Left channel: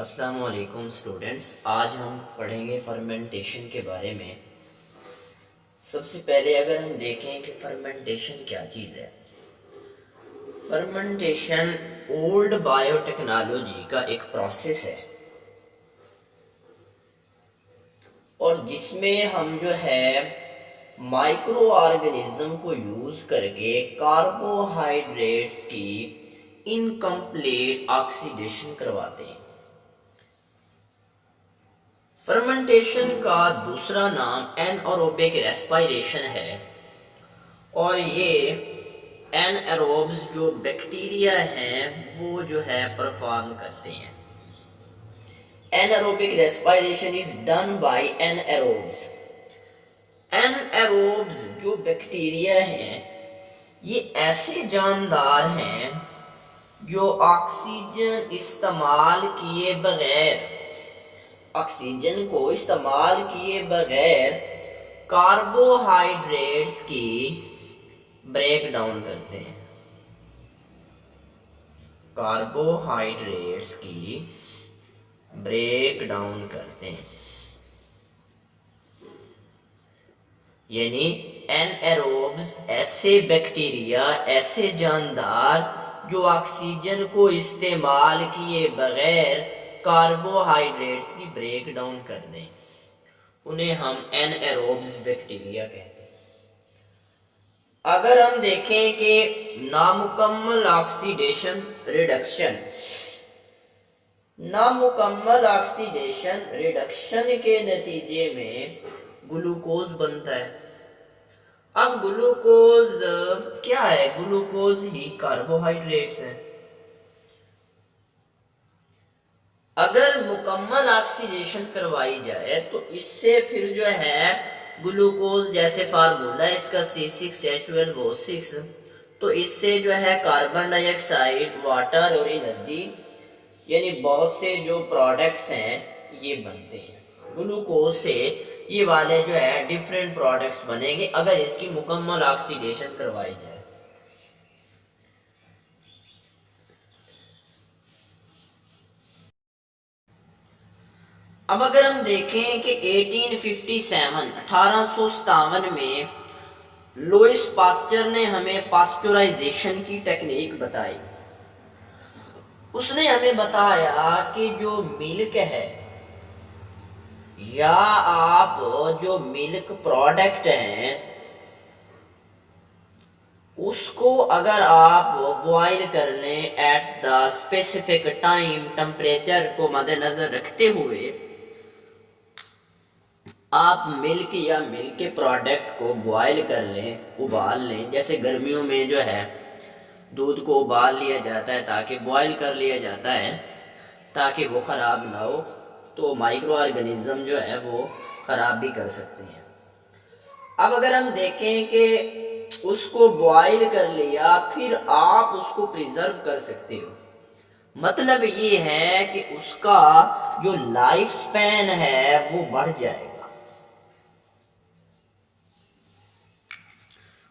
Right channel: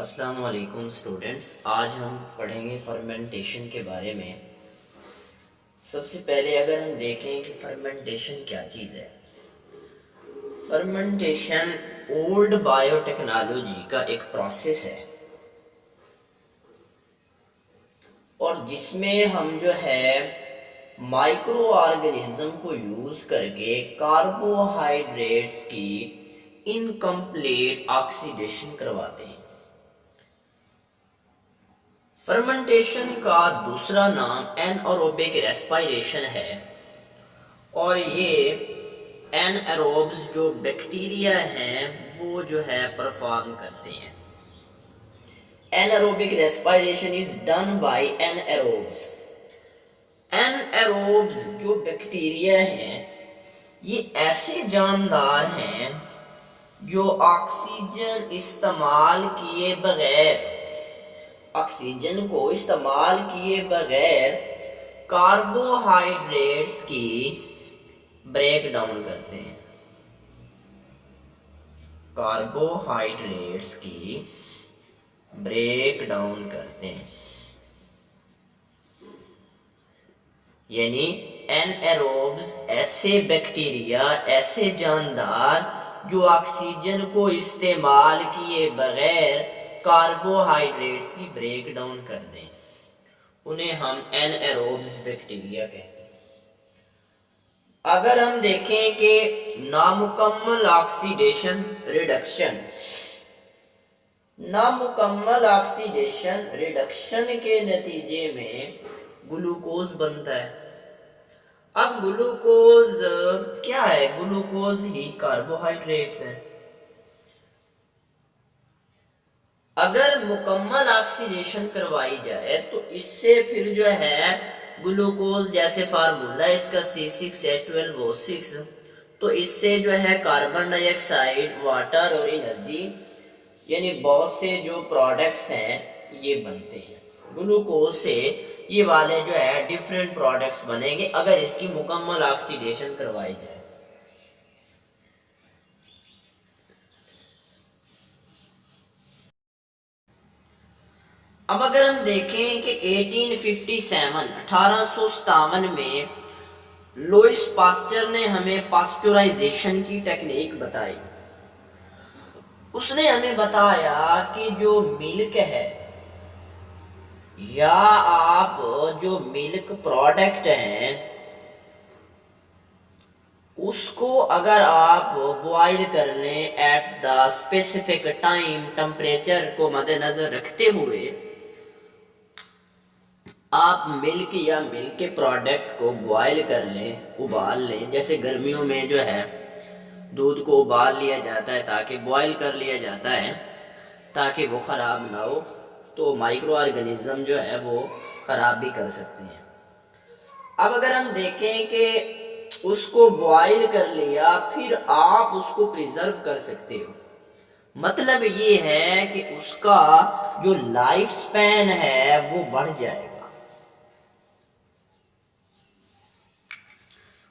अस्सलाम वालेकुम स्टूडेंट्स। आज हम पढ़ेंगे फर्मेंटेशन के बारे में। सबसे पहले अगर हम देखें कि फर्मेंटेशन क्या चीज़ है। फर्मेंटेशन ओल्ड बायोटेक्नोलॉजी का एक प्रोसेस है और जिसमें हम जो है माइक्रो ऑर्गेनिज्म को यूज़ करके कार्बोहाइड्रेट्स की इनकम्प्लीट ऑक्सीडेशन करवाते हैं। फर्मेंटेशन का दूसरा नाम एनएरोबिक रेस्पिरेशन है और ये एनएरोब्स जो बैक्टीरिया हैं वो जो है परफॉर्म करते हैं। Anaerobic respiration is done by anaerobes. Anaerobes जो बैक्टीरिया हैं ये ऐसे जानदार हैं जो ऑक्सीजन इस्तेमाल किए बगैर कार्बोहाइड्रेट्स की ब्रेक डाउन करते हैं। कार्बोहाइड्रेट्स की ब्रेक डाउन करते हैं, यानी एनएरोब्स ऐसे बैक्टीरिया, ऐसे जानदार जो ऑक्सीजन को इस्तेमाल किए बगैर कार्बोहाइड्रेट्स की ब्रेक डाउन कर दें, उन्हें हम एनएरोब्स बैक्टीरिया कहते हैं। अगर हम देखें कि नामुकम्मल ऑक्सीडेशन रिडक्शन के नतीजे में ग्लूकोज बनता है। अब ग्लूकोज क्या है? ग्लूकोज ही कार्बोहाइड्रेट्स है। अगर मुकम्मल ऑक्सीडेशन करवाई जाए तो इससे फिर जो है ग्लूकोज, जैसे फार्मूला इसका C6H12O6, तो इससे जो है कार्बन डाइऑक्साइड, वाटर और एनर्जी यानी बहुत से जो प्रोडक्ट्स हैं ये बनते हैं। ग्लूकोज से ये वाले जो है डिफरेंट प्रोडक्ट्स बनेंगे अगर इसकी मुकम्मल ऑक्सीडेशन करवाई जाए। अब अगर हम देखें कि 1857 में लुईस पास्चर ने हमें पास्चुराइजेशन की टेक्निक बताई। उसने हमें बताया कि जो मिल्क है या आप जो मिल्क प्रोडक्ट हैं उसको अगर आप बॉईल कर लें at the specific time, temperature को मद्देनजर रखते हुए आप मिल्क के प्रोडक्ट को बॉईल कर लें, उबाल लें। जैसे गर्मियों में जो है दूध को उबाल लिया जाता है, ताकि बॉईल कर लिया जाता है ताकि वो ख़राब ना हो, तो माइक्रो ऑर्गेनिज्म जो है वो ख़राब भी कर सकते हैं। अब अगर हम देखें कि उसको बॉईल कर लिया फिर आप उसको प्रिजर्व कर सकते हो, मतलब ये है कि उसका जो लाइफ स्पैन है वो बढ़ जाएगा,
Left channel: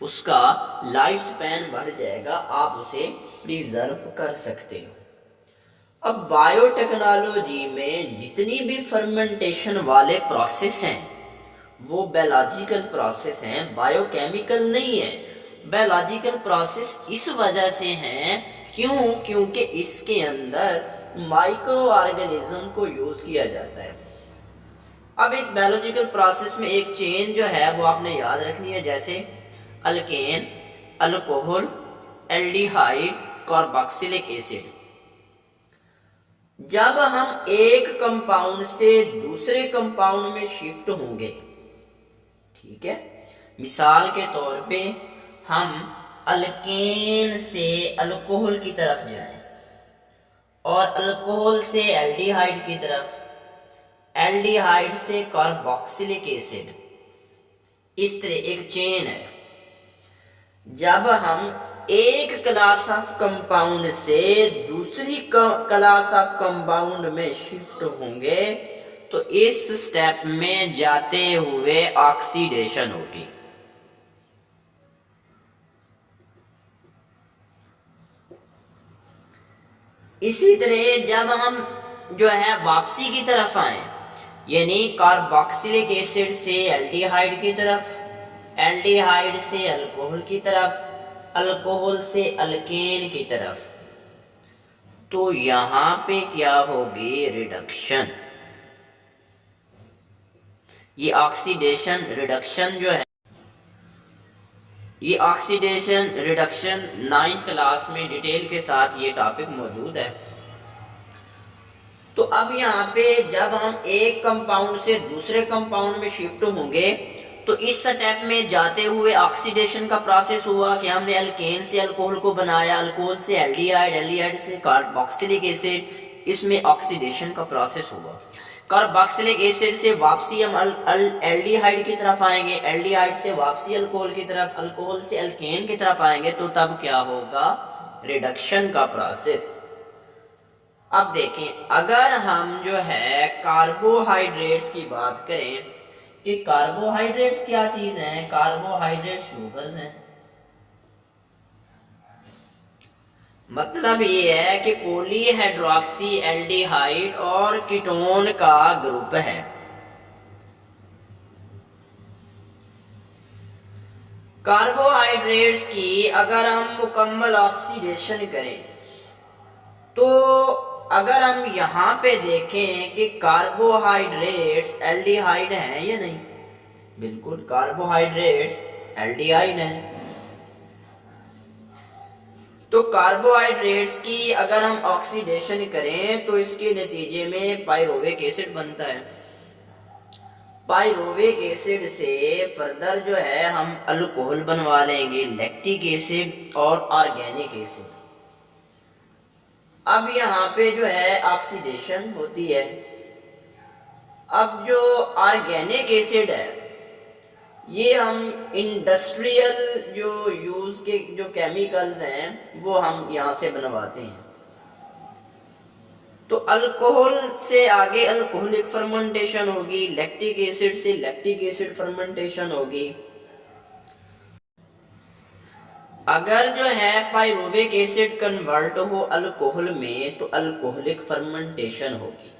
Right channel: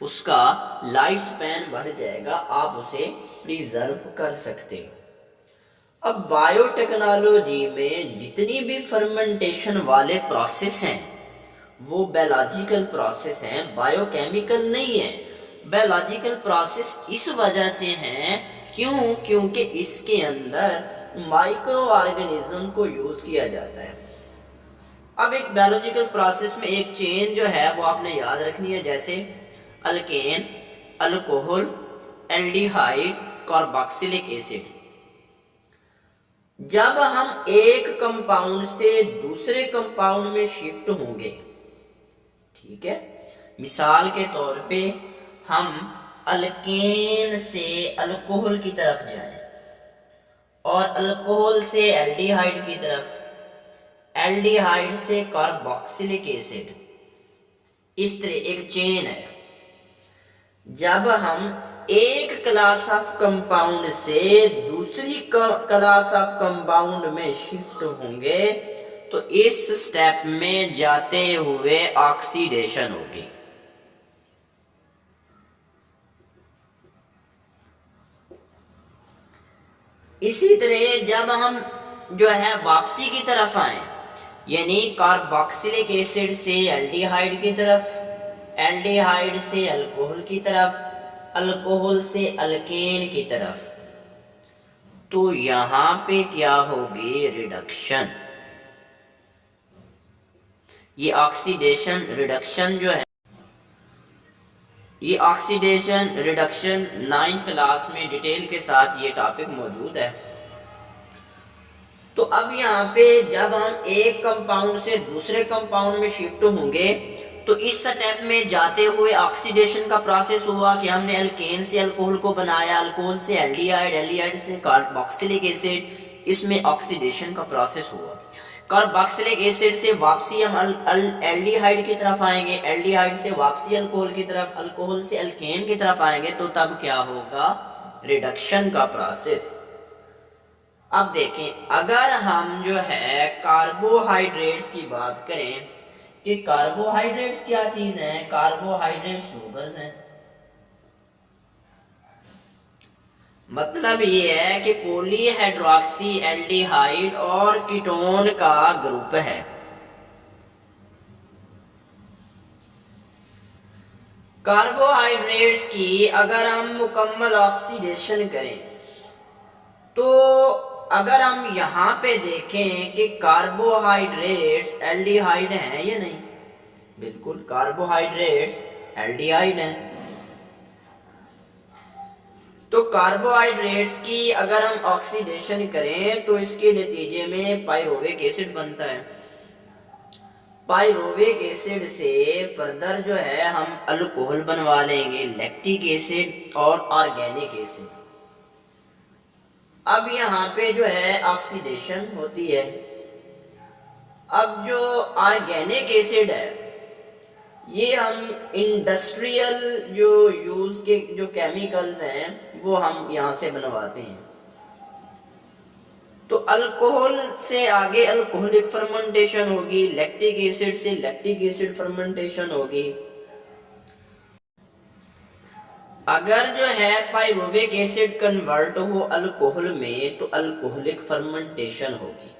उसका लाइफ स्पैन बढ़ जाएगा, आप उसे प्रिजर्व कर सकते हो। अब बायोटेक्नोलॉजी में जितनी भी फर्मेंटेशन वाले प्रोसेस हैं वो बायोलॉजिकल प्रोसेस हैं, बायोकेमिकल नहीं है। बायोलॉजिकल प्रोसेस इस वजह से हैं क्योंकि इसके अंदर माइक्रो ऑर्गेनिज्म को यूज़ किया जाता है। अब एक बायोलॉजिकल प्रोसेस में एक चेन जो है वो आपने याद रखनी है, जैसे alkane, alcohol, aldehyde, carboxylic acid. जब हम एक कंपाउंड से दूसरे कंपाउंड में शिफ्ट होंगे, ठीक है, मिसाल के तौर पे हम अल्केन से अल्कोहल की तरफ जाएं और अल्कोहल से एल्डिहाइड की तरफ, एल्डिहाइड से कार्बोक्सिलिक एसिड, इस तरह एक चेन है। जब हम एक क्लास ऑफ कंपाउंड से दूसरी क्लास ऑफ कंपाउंड में शिफ्ट होंगे तो इस स्टेप में जाते हुए ऑक्सीडेशन होगी। इसी तरह जब हम जो है वापसी की तरफ आए, यानी कार्बोक्सिलिक एसिड से एल्डिहाइड की तरफ, एल्डिहाइड से अल्कोहल की तरफ, अल्कोहल से अल्केन की तरफ, तो यहाँ पे क्या होगी? रिडक्शन। ये ऑक्सीडेशन रिडक्शन जो है, ये ऑक्सीडेशन रिडक्शन 9th क्लास में डिटेल के साथ ये टॉपिक मौजूद है। तो अब यहाँ पे जब हम एक कंपाउंड से दूसरे कंपाउंड में शिफ्ट होंगे तो इस स्टेप में जाते हुए ऑक्सीडेशन का प्रोसेस हुआ कि हमने अल्केन से अल्कोहल को बनाया, अल्कोहल से एल्डिहाइड, एल्डिहाइड से कार्बोक्सिलिक एसिड, इसमें ऑक्सीडेशन का प्रोसेस हुआ। कार्बोक्सिलिक एसिड से वापसी हम एल्डिहाइड की तरफ आएंगे, एल्डिहाइड से वापसी अल्कोहल की तरफ, अल्कोहल से अल्केन की तरफ आएंगे, तो तब क्या होगा? रिडक्शन का प्रोसेस। अब देखें, अगर हम जो है कार्बोहाइड्रेट्स की बात करें कि कार्बोहाइड्रेट्स क्या चीज हैं? कार्बोहाइड्रेट शुगर्स हैं। मतलब ये है कि पॉलीहाइड्रोक्सी एल्डिहाइड और कीटोन का ग्रुप है। कार्बोहाइड्रेट्स की अगर हम मुकम्मल ऑक्सीडेशन करें तो अगर हम यहाँ पे देखें कि कार्बोहाइड्रेट्स एल्डिहाइड हैं या नहीं, बिल्कुल कार्बोहाइड्रेट्स एल्डिहाइड हैं। तो कार्बोहाइड्रेट्स की अगर हम ऑक्सीडेशन करें तो इसके नतीजे में पायरोविक एसिड बनता है। पायरोविक एसिड से फर्दर जो है हम अल्कोहल बनवा लेंगे, लैक्टिक एसिड और ऑर्गेनिक एसिड। अब यहाँ पे जो है ऑक्सीडेशन होती है। अब जो ऑर्गेनिक एसिड है ये हम इंडस्ट्रियल जो यूज़ के जो केमिकल्स हैं वो हम यहाँ से बनवाते हैं। तो अल्कोहल से आगे अल्कोहलिक फर्मेंटेशन होगी, लैक्टिक एसिड से लैक्टिक एसिड फर्मेंटेशन होगी। अगर जो है पायरोविक एसिड कन्वर्ट हो अल्कोहल में तो अल्कोहलिक फर्मेंटेशन होगी।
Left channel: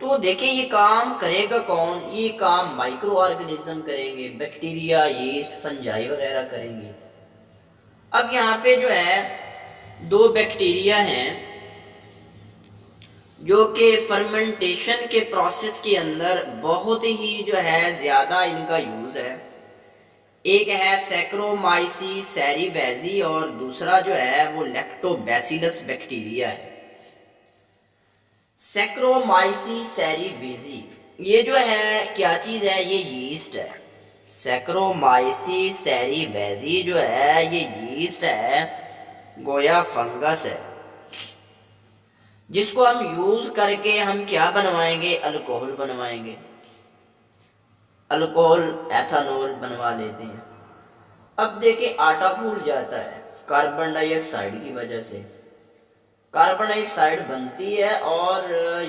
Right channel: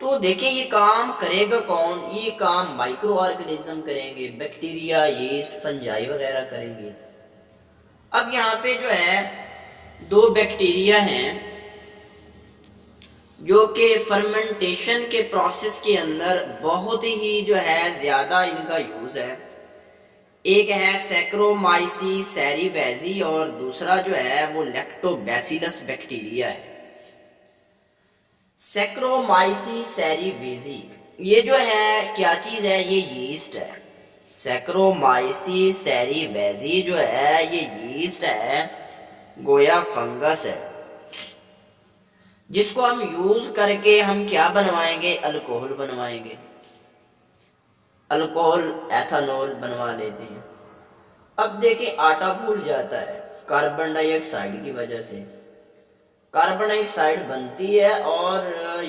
तो देखिए ये काम करेगा कौन? ये काम माइक्रो ऑर्गेनिज्म करेंगे, बैक्टीरिया, यीस्ट, फंजाई वगैरह करेंगे। अब यहाँ पे जो है दो बैक्टीरिया हैं जो कि फर्मेंटेशन के प्रोसेस के अंदर बहुत ही जो है ज़्यादा इनका यूज़ है। एक है सैक्रोमाइसी सेरीवेजी और दूसरा जो है वो लैक्टोबैसिलस बैक्टीरिया है। सैक्रोमाइसी सेरीवेजी ये जो है क्या चीज़ है? ये यीस्ट है। सैक्रोमाइसी सेरीवेजी जो है ये यीस्ट है, गोया फंगस है, जिसको हम यूज़ करके हम क्या बनवाएंगे? अल्कोहल बनवाएंगे। अल्कोहल एथानॉल बनवा लेते हैं। अब देखिए आटा फूल जाता है कार्बन डाइऑक्साइड की वजह से। कार्बन डाइऑक्साइड बनती है और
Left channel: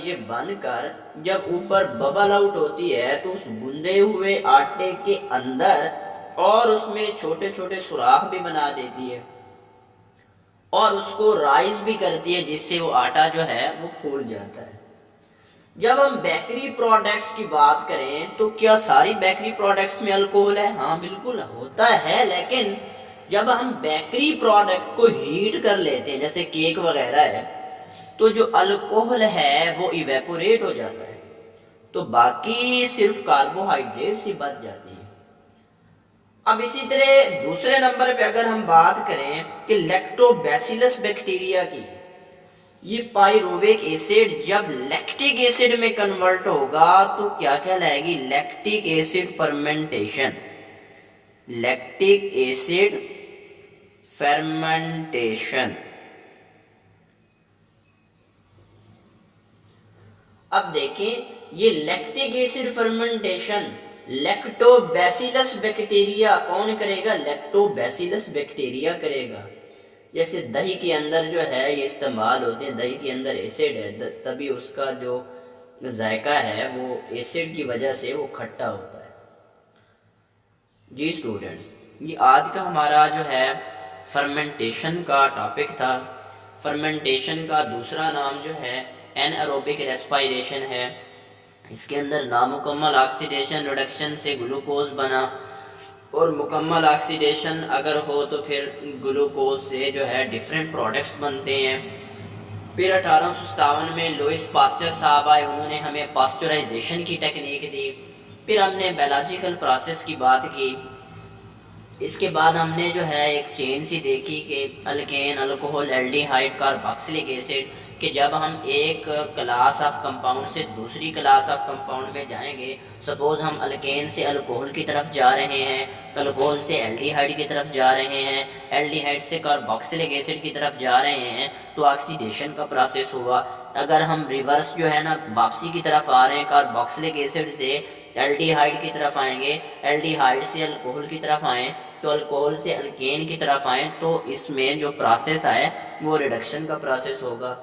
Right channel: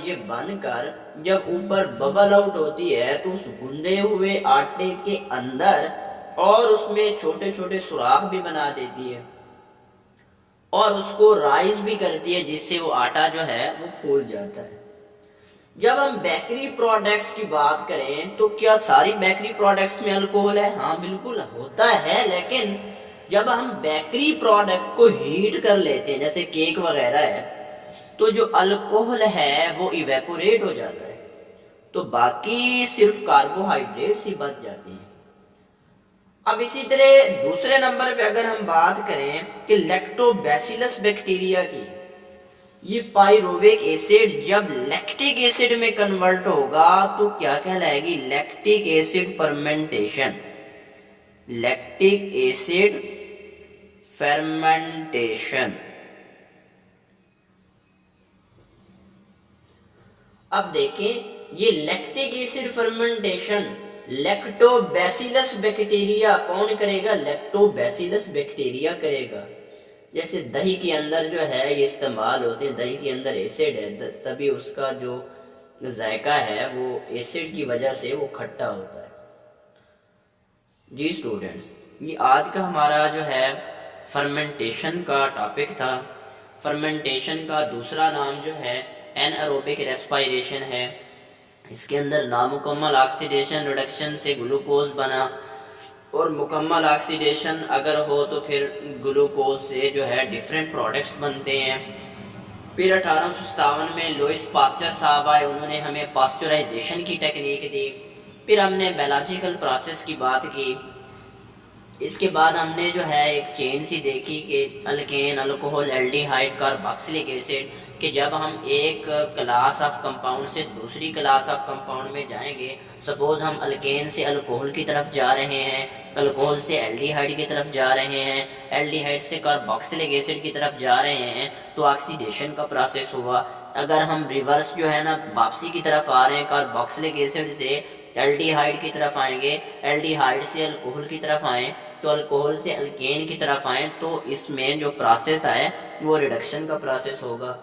ये बनकर जब ऊपर बबल आउट होती है तो उस गूंदे हुए आटे के अंदर और उसमें छोटे छोटे सुराख भी बना देती है और उसको राइज भी करती है, जिससे वो आटा जो है वो फूल जाता है। जब हम बेकरी प्रोडक्ट्स की बात करें तो क्या सारी बेकरी प्रोडक्ट्स में अल्कोहल है? हाँ बिल्कुल होता है, लेकिन जब हम बेकरी प्रोडक्ट को हीट कर लेते हैं जैसे केक वगैरह है तो जो अल्कोहल है वो इवेपोरेट हो जाता है, तो बाकी सिर्फ कार्बोहाइड्रेट्स ही बच जाते हैं। अब इसी तरह दूसरे नंबर पे अगर हम बात करें कि लैक्टोबैसिलस बैक्टीरिया की, ये पायरोविक एसिड जब लैक्टिक एसिड में कन्वर्ट होगा तो क्या कहलाएगी? Lactic acid fermentation. Lactic acid fermentation. अब देखें ये lactic acid fermentation lactobacillus bacteria कौन करेगा? लैक्टोबैसिलस बैक्टीरिया करेगा। जैसे दही के अंदर जो है ये इस्तेमाल होते हैं, दही के अंदर एसिड है तभी उसका जो जायका है वो एसिड की वजह से वो खट्टा होता है। जी स्टूडेंट्स, ये आज का हमारा जो है फर्मेंटेशन का टॉपिक था। फर्मेंटेशन का दूसरा नाम जो है एनएरोबिक रेस्पिरेशन है। इसके अंदर नामुकम्मल ऑक्सीडेशन रिडक्शन से ग्लूकोज बना, और मुकम्मल ऑक्सीडेशन अगर हो तो फिर ग्लूकोज से जो है डिफरेंट प्रोडक्ट्स बनते हैं। फिर 1857 में लुइस पास्चर साहब आए, उन्होंने हमें पास्चराइजेशन की टेक्निक दी। फिर हमने बायोलॉजिकल प्रोसेस की बात की। इसके बाद हमने जो है एक चेन सी देखी कि alkane, alcohol, aldehyde, carboxylic acid, कि जब हम एक क्लास ऑफ कंपाउंड से दूसरी क्लास ऑफ कंपाउंड में जाएंगे, सपोज हम अल्केन से अल्कोहल की तरफ जा रहे हैं, अल्कोहल से एल्डिहाइड की तरफ जा रहे हैं, एल्डिहाइड से कार्बोक्सिलिक एसिड की तरफ जा रहे हैं, तो ऑक्सीडेशन का प्रोसेस हुआ। अगर हम रिवर्स जो है ना वापसी की तरफ आ रहे हैं, कार्बोक्सिलिक एसिड से एल्डिहाइड की तरफ आएंगे, एल्डिहाइड से अल्कोहल की तरफ आएँ, तो अल्कोहल से अल्केन की तरफ आएँ, तो इसमें जो प्रोसेस है वो रिडक्शन का प्रोसेस होगा।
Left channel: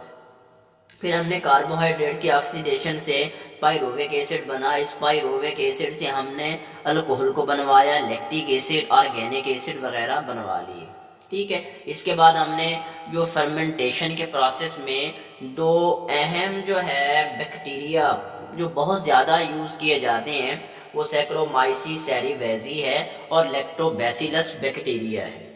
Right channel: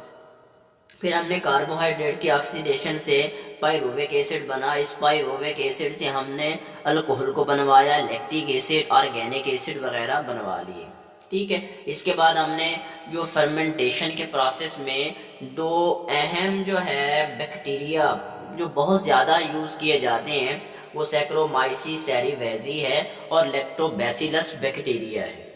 फिर हमने कार्बोहाइड्रेट की ऑक्सीडेशन से पाइरुविक एसिड बना, इस पाइरुविक एसिड से हमने अल्कोहल को बनवाया, लैक्टिक एसिड, ऑर्गेनिक एसिड वगैरह बनवा लिए। ठीक है। इसके बाद हमने जो फर्मेंटेशन के प्रोसेस में दो अहम जो है बैक्टीरिया जो बहुत ज़्यादा यूज़ किए जाते हैं, वो सैक्रोमाइसीस सेरीवेजी है और लैक्टोबैसिलस बैक्टीरिया है।